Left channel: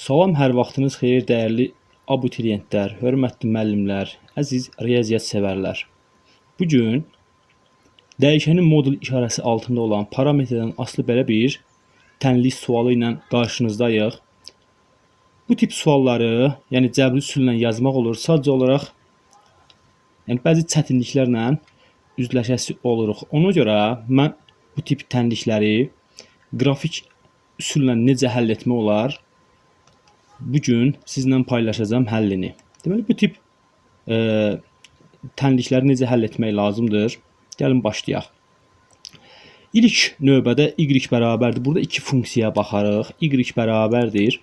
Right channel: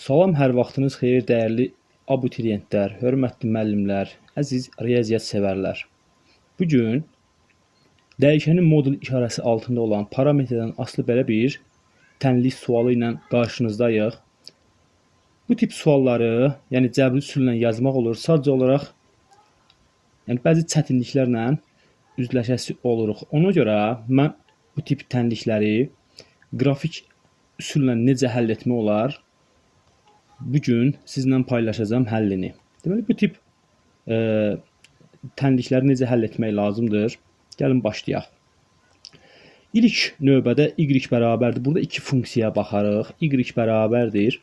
Salam, hər vaxtınız xeyir dəyərli abituriyentlər, hörmətli müəllimlər, əziz riyaziyyat sevərlər. Bu gün dəyişənin modul işarəsi altında olan parametrdən asılı belə bir tənlik sualı ilə qarşınızdayıq. Bu tip sualları, yəni cəbri üsulla yazmaq olur, sadəcə olaraq bəzi çətinliklərlə üzləşəsi oluruq. Ona görə mən bu tip tənlikləri qrafik üsulla necə həll etmək olar, bugün sizlə paylaşacağım həllini. Deməli, bu tip tənlikləri necə həll etmək lazımdır? Gəlin başlayaq. İlk növbədə y bərabərdir. Burada iki funksiyaya baxarıq. Y bərabərdir.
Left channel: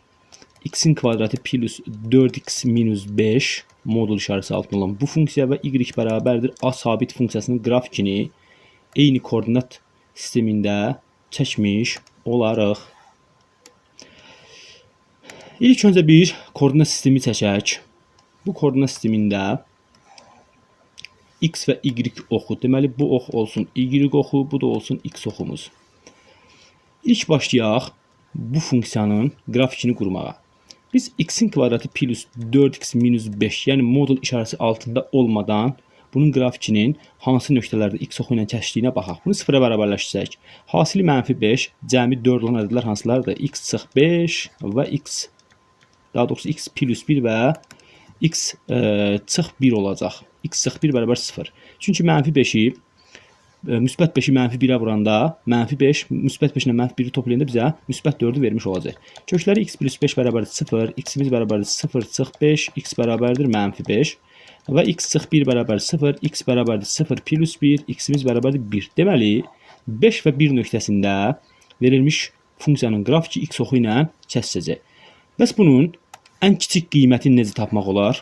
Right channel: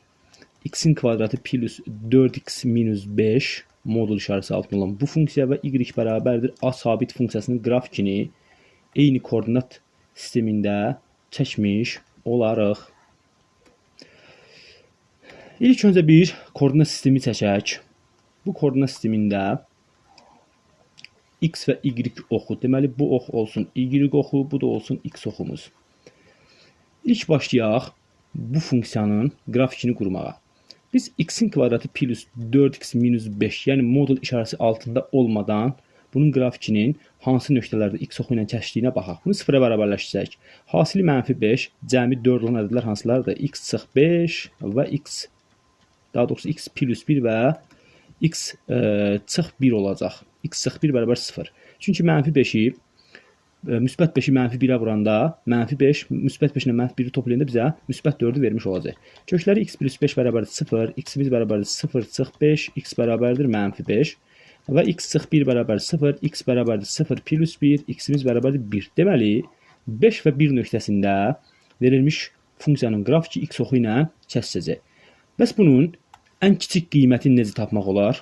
X-in kvadratı plus 4x minus 5 modul işarəsi altında olan bu funksiya və y bərabərdir. A sabit funksiyasının qrafikini eyni koordinat sistemində çəkmiş olarıq. İlk öncə bir koordinat sistemi çəkək. Bu koordinat sistemində x və y oxu. Deməli, bu ox olsun y oxu, bu da olsun x oxumuz. İlk başlayaq bu funksiyanın qrafikini qurmağa. Biz x-in kvadratı plus 4x minus 5, yəni modul işarəsi altında olmadan bunun qrafikinin hansı nöqtələrdə x oxu ilə keçdiyinə baxaq. Bunu sıfıra bərabərləşdirək. Hasili -5, cəmi 4 olan ədədlər hansılardır? X çıx 5 və x, daha doğrusu x plus 1 və x çıx 1 olacaq. X çıx 1 bərabər 0. Çünki -5-i, müsbət 5-i -1-ə vuranda, -5, müsbət 5 ilə -1-i toplayanda bizə müsbət 4-ü vermiş olacaq. Kökləri x plus 5 bərabərdir 0, x-imiz bərabərdir 0 çıx 5, x bərabərdir -5 və x çıx 1 bərabər 0, x bərabərdir 0 plus 1, x-imiz bərabərdir 1. Deməli, 5 və 1 nöqtəsində verilmiş funksiyanın qrafiki x oxu ilə kəsəcək. Bəs bunun ən kiçik qiymətini necə tapmaq olar?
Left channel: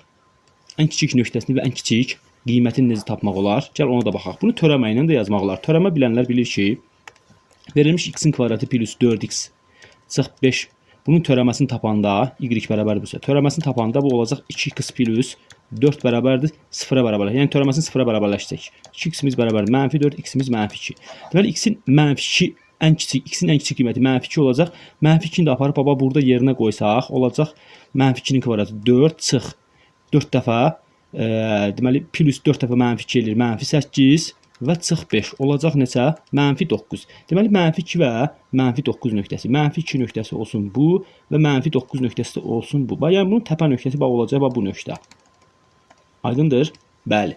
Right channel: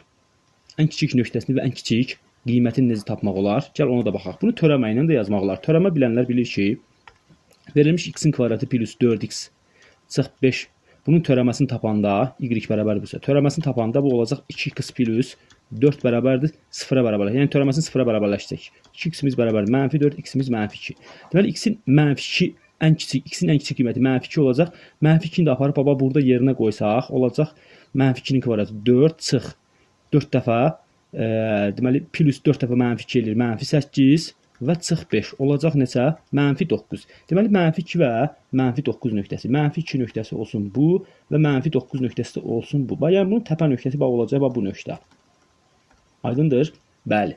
Ən kiçik nöqtəsini və ən kiçik qiymətini necə tapmaq olar? Gəl ona da baxaq. Bunu törəmə ilə də yazmaq olar. Törəmə bilənlər bilir ki, verilmiş x-in kvadratı plus 4x çıx 5. Bunun törəməsini tapanda, y bərabərdir bu. Törəməsini tapanda bu olacaq 2x plus 4 bərabərdir 0-a bərabərləşəcək. Yəni törəməsini 0-a bərabərləşəcək. 2x-imiz bərabərdir -4, x-imiz -2. Deməli, x-in -2 ən kiçik, x-in ən kiçik qiyməti -2 olacaq. -2-ni də aparıb baba burada yerinə qoysaq, olacaq -2-nin kvadratı 4 çıx 4 dəfə, deməli, plus 4 dəfə -2 edir, -8 və çıx 5 olacaq neçə? -9. Deməli, -2 və -9 nöqtəsi. -2 nöqtəsi olsun bu və -9 nöqtəsi də olsun bu. Yəni, bunun təpə nöqtəsi olacaq bu nöqtə. Aydındır? Bəli.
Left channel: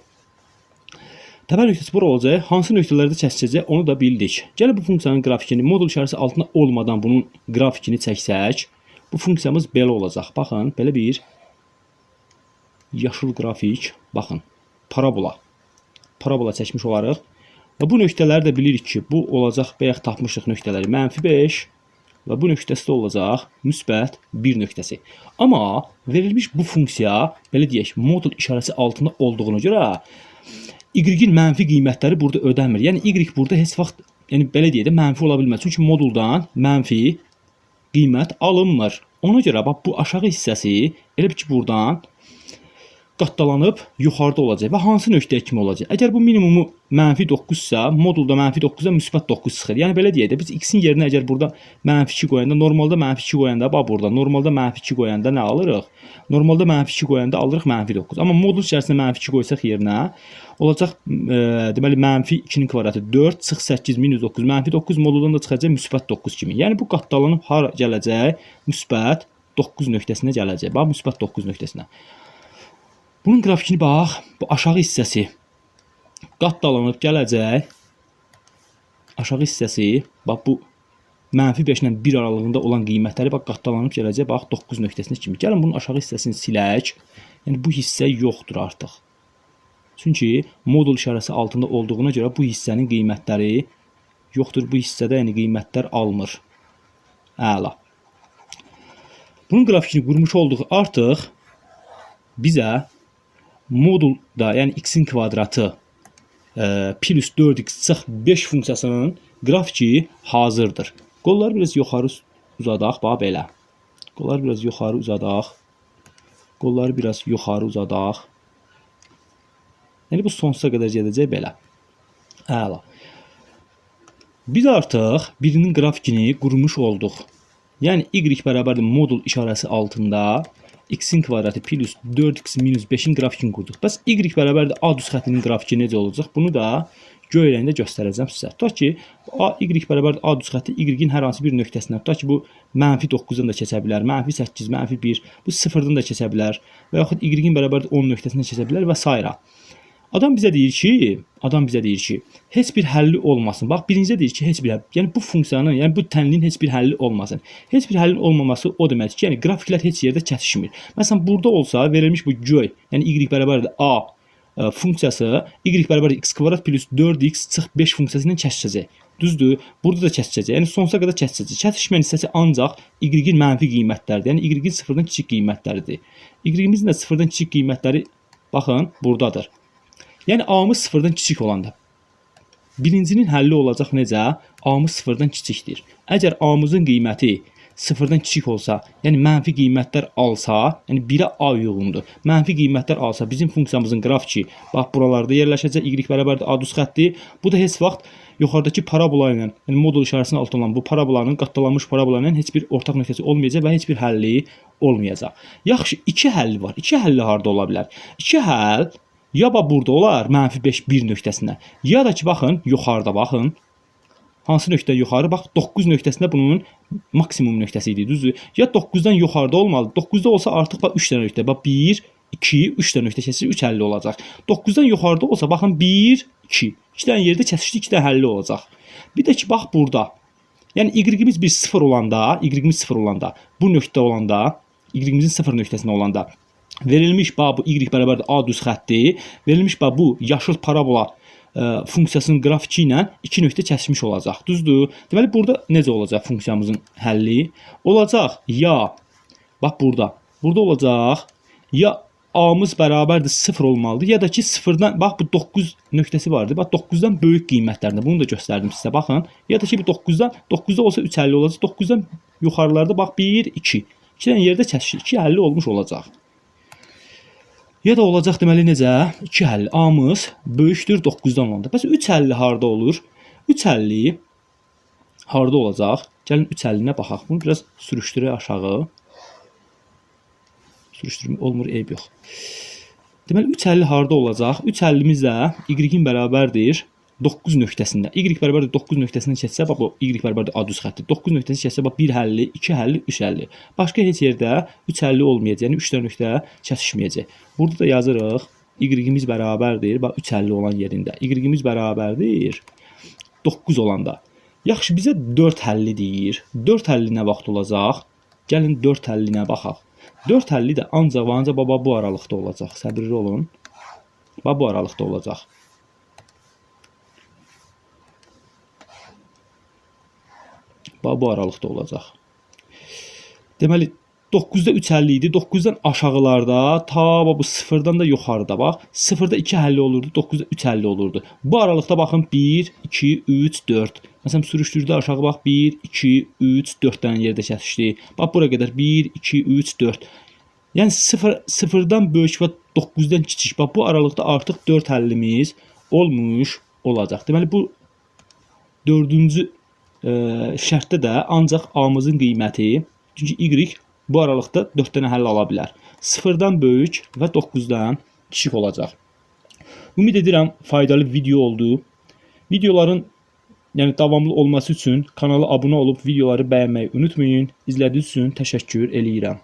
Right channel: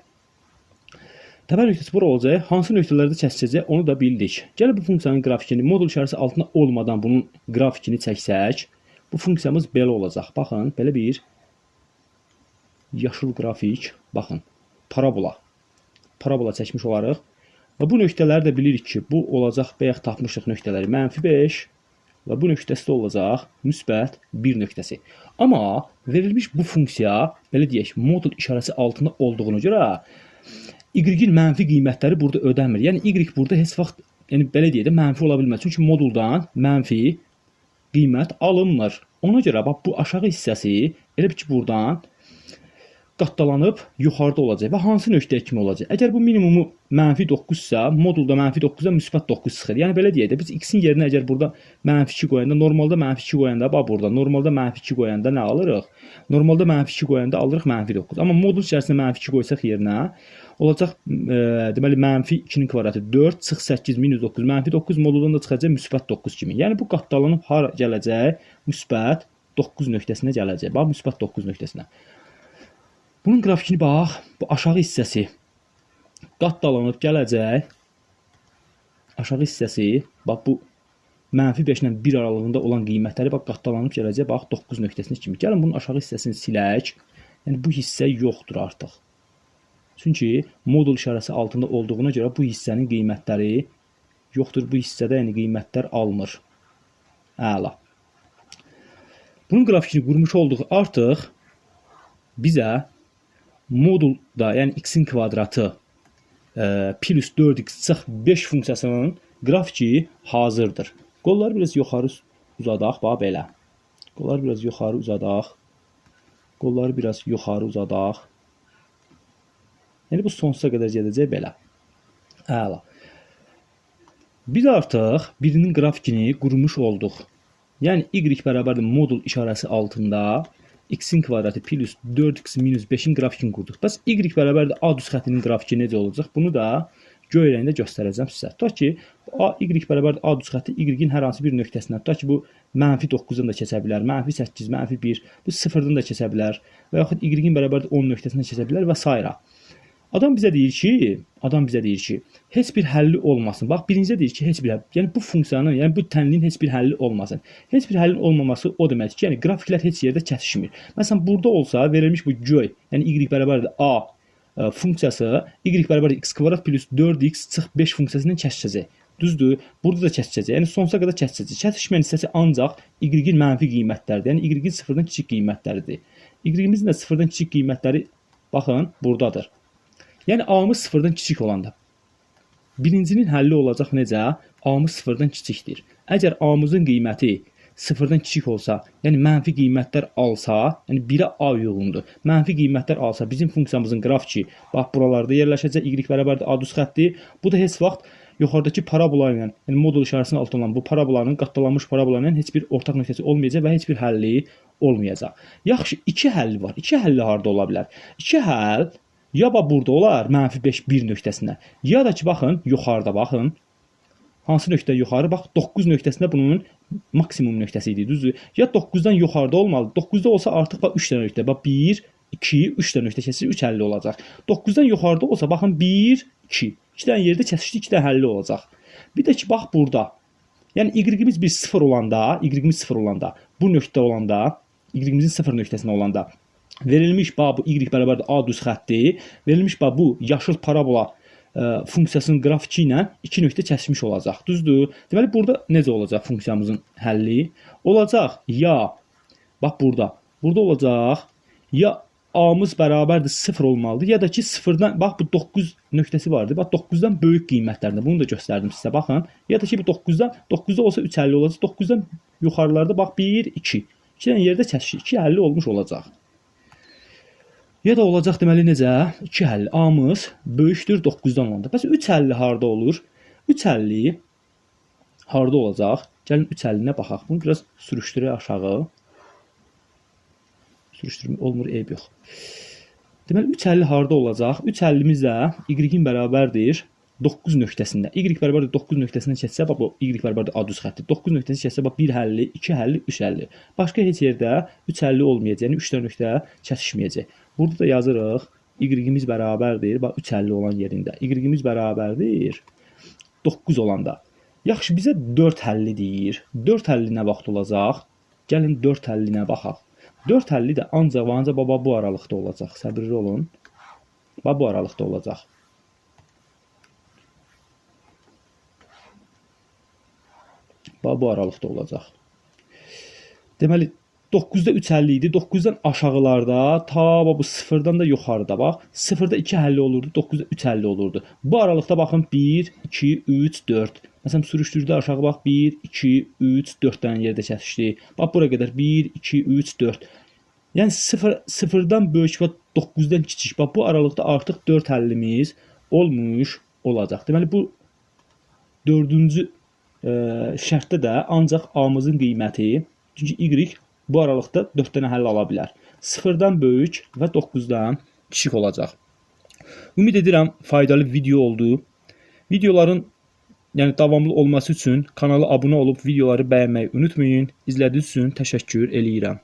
Təpə nöqtəsi bura olacaq. Hansı nöqtələrdə kəsəcək, onu da bildik. Gəlin bu funksiyanın qrafikini, modul işarəsi altında olmadan bunun qrafikini çəksək, bu funksiyamız belə olacaq. Baxın, belə bir yaşıl qrafik, baxın, parabola. Parabola çəkmiş olarıq. Və bu nöqtələri də bilirik ki, bu olacaq, bayaq tapmışıq nöqtələri, -5 və bu nöqtəsi də olacaq, müsbət 1 nöqtəsi. Amma verilmiş bu funksiya, belə deyək, modul işarəsi altında olduğuna görə y-in mənfi qiymətləri burada ödənmir. Yəni, y burada heç vaxt, yəni belə deyək də, mənfi ola bilməz. Çünki moduldan mənfi qiymət alınmır. Ona görə bax, bu aşağı hissəsi elə ki, buradan qatdalanıb yuxarıda olacaq və hansı nöqtəyə kimi olacaq? Əgər bu minimumu -9-sa, modulda -9-a müsbət 9 çıxır. Yəni, belə deyək də, biz x-in yerinə əgər burada -2 qoyanda, normalda -2 qoyanda, bax burada, normalda -2 qoyanda nə alırıq? Normalda -2 qoyanda alırıq -9. Amma modul içərisində -2 qoysaq yerinə, olacaq, deməli, -2-nin kvadratı 4 çıx 8 minus 9, -9 moduldan da çıxacaq müsbət 9 kimi. Yəni, bu qatdalanıb hara gələcək? Müsbət 9 nöqtəsinə gələcək. Bax, müsbət 9 nöqtəsinə. Bunun qrafikini bax, bu aşağı hissəsi qatdalanıb gələcək. Aşağı hissəsi, bax, bu -5 ilə 1 aralığında olan qiymətləri bax, qatdalanıb gələcək, bax, 9 nöqtəsinə kimi. Gəlin, bunun aşağı hissəsini silək. Yəni, bu hissə yoxdur artıq. Çünki modul işarəsi altında olduğuna görə bu hissənin qiymətləri yoxdur. Bu hissədə yəni qiymətlər almır. Əla. Bunun qrafikini qurmuş olduq artıq bizə modulda, yəni x-in kvadratı plus 4x çıx 5 funksiyasının qrafiki hazırdır. Qolları biraz yuxarı uzadaq, bax belə. Qolları biraz yuxarı uzadaq. Qolları biraz yuxarı uzadaq. Yəni, bu sonsuza qədər gedəcək belə. Əla. Biz artıq birinin qrafikini qurmuş olduq. Yəni y bərabərdir modul işarəsi altında x-in kvadratı plus 4x minus 5-in grafikini qurduq. Bəs y bərabərdir a düz xəttinin grafiki necə olacaq? Bunu da göy rəngdə göstərəcəm sizə. Tutaq ki, y bərabərdir a düz xətti y-in hər hansı bir nöqtəsindən. Tutaq ki, bu -9-dan da keçə bilər, -8, -1, bu 0-dan da keçə bilər və yaxud y-in bərabərdir 10 nöqtəsindən keçə bilər və s. Adam bizə deyir ki, heç bir həlli olmasın. Bax, birincə deyir ki, heç bir həlli. Yəni bu funksiyanın, yəni bu tənliyin heç bir həlli olmasın. Heç bir həllin olmaması o deməkdir ki, yəni qrafiklər heç yerdə çatışmır. Məsələn, burada olsa verilmiş bu göy, yəni y bərabərdir a funksiyası y bərabərdir x kvadrat plus 4x çıx 5 funksiyası ilə kəsişəcək. Düzdür? Burada da kəsişəcək. Yəni sonsuza qədər kəsişəcək. Kəsişməyən hissəsi ancaq y-in mənfi qiymətləridir. Yəni y-in sıfırdan kiçik qiymətləridir. Y-imizin də sıfırdan kiçik qiymətləri baxın, buradadır. Yəni a-mız sıfırdan kiçik olanda birincinin həlli olacaq necə? A-mız sıfırdan kiçikdir. Əgər a-mızın qiyməti sıfırdan kiçik olsa, yəni mənfi qiymətlər alsa, yəni 1-ə a uyğundur. Mənfi qiymətlər alsa, bizim funksiyamızın qrafiki bax buralarda yerləşəcək. Y bərabərdir a düz xətti. Bu da heç vaxt yuxarıdakı parabola ilə, yəni modul işarəsinin altında olan bu parabolanın, qatlanmış parabolanın heç bir ortaq nöqtəsi olmayacaq və heç bir həlli olmayacaq. Yaxşı, iki həlli var. İki həlli harda ola bilər? İki həll ya burada olar, -5 1 nöqtəsində. Ya da ki, baxın, yuxarıda baxın. Hansı nöqtə yuxarı? Bax, 9 nöqtəsində bunun maksimum nöqtəsi idi, düzdür? Ya 9-dan yuxarıda olmalı. 9-da olsa artıq bax 3 dənə nöqtə. Bax 1, 2, 3 dənə nöqtə kəsir, 3 həlli olacaq. 9-dan yuxarıda olsa, baxın 1, 2. 2 dənə yerdə kəsişdi, 2 dənə həlli olacaq. Bir də ki, bax burada. Yəni y-imiz bir 0 olanda, bu nöqtə olanda, y-imizin 0 nöqtəsində olanda verilmiş bax bu y bərabərdir a düz xətti, verilmiş bax bu yaşıl parabola funksiyasının qrafiki ilə iki nöqtə kəsişmiş olacaq. Düzdür? Deməli burada necə olacaq funksiyamızın həlli? Olacaq ya bax burada olacaq ya a-mız bərabərdir 0 olmalıdır ya da ki 0-dan bax bu 9 nöqtəsi vardı. Bax 9-dan böyük qiymətlərində bunu da göstərdim sizə. Baxın. Ya da ki bu 9-da olsa 3 həlli olacaq. 9-dan yuxarılarda bax 1 2. 2 dənə yerdə kəsişir. 2 həlli olmuş olacaq. Ya da olacaq deməli necə? 2 həlli a-mız böyükdür 9-dan olanda. Bəs 3 həlli harda olur? 3 həlli harda olacaq? Gəlin 3 həllinə baxaq. Bunu biraz sürüşdürək aşağı. Sürüşdürmə olmur, eyb yox. Deməli 3 həlli harda olacaq? 3 həllimiz də y-in bərabərdir 9 nöqtəsində. Y bərabərdir 9 nöqtəsindən keçsə, bax bu y bərabərdir a düz xətti. 9 nöqtəsi keçsə, bax 1 həlli, 2 həlli, 3 həlli. Başqa heç yerdə 3 həlli olmayacaq. Yəni 3 dənə nöqtə kəsişməyəcək. Burada da yazırıq y-imiz bərabərdir, bax 3 həlli olan yerində. Y-imiz bərabərdir 9 olanda. Yaxşı, bizə 4 həlli deyir. 4 həlli nə vaxt olacaq? Gəlin 4 həllinə baxaq. 4 həlli də ancaq baba bu aralıqda olacaq. Səbirli olun. Bax bu aralıqda olacaq. Bax bu aralıqda olacaq. Deməli 9-da 3 həlli idi. 9-dan aşağılarda ta bu 0-dan da yuxarıda bax. 0-da 2 həlli olurdu, 9-da 3 həlli olurdu. Bu aralıqda baxın 1 2 3 4. Məsələn sürüşdürdü aşağı bax 1 2 3 4 dənə yerdə kəsişdi. Bax bura qədər 1 2 3 4. Yəni 0-dan böyük və 9-dan kiçik. Bax bu aralıqda artıq 4 həllimiz olmuş olacaq. Deməli bu 4-cü şərtdə də ancaq a-mızın qiyməti, çünki y bu aralıqda 4 dənə həll ala bilər. 0-dan böyük və 9-dan kiçik olacaq. Ümid edirəm faydalı video oldu. Videoların davamlı olması üçün kanala abunə olub videoları bəyənməyi unutmayın. İzlədiyiniz üçün təşəkkür eləyirəm.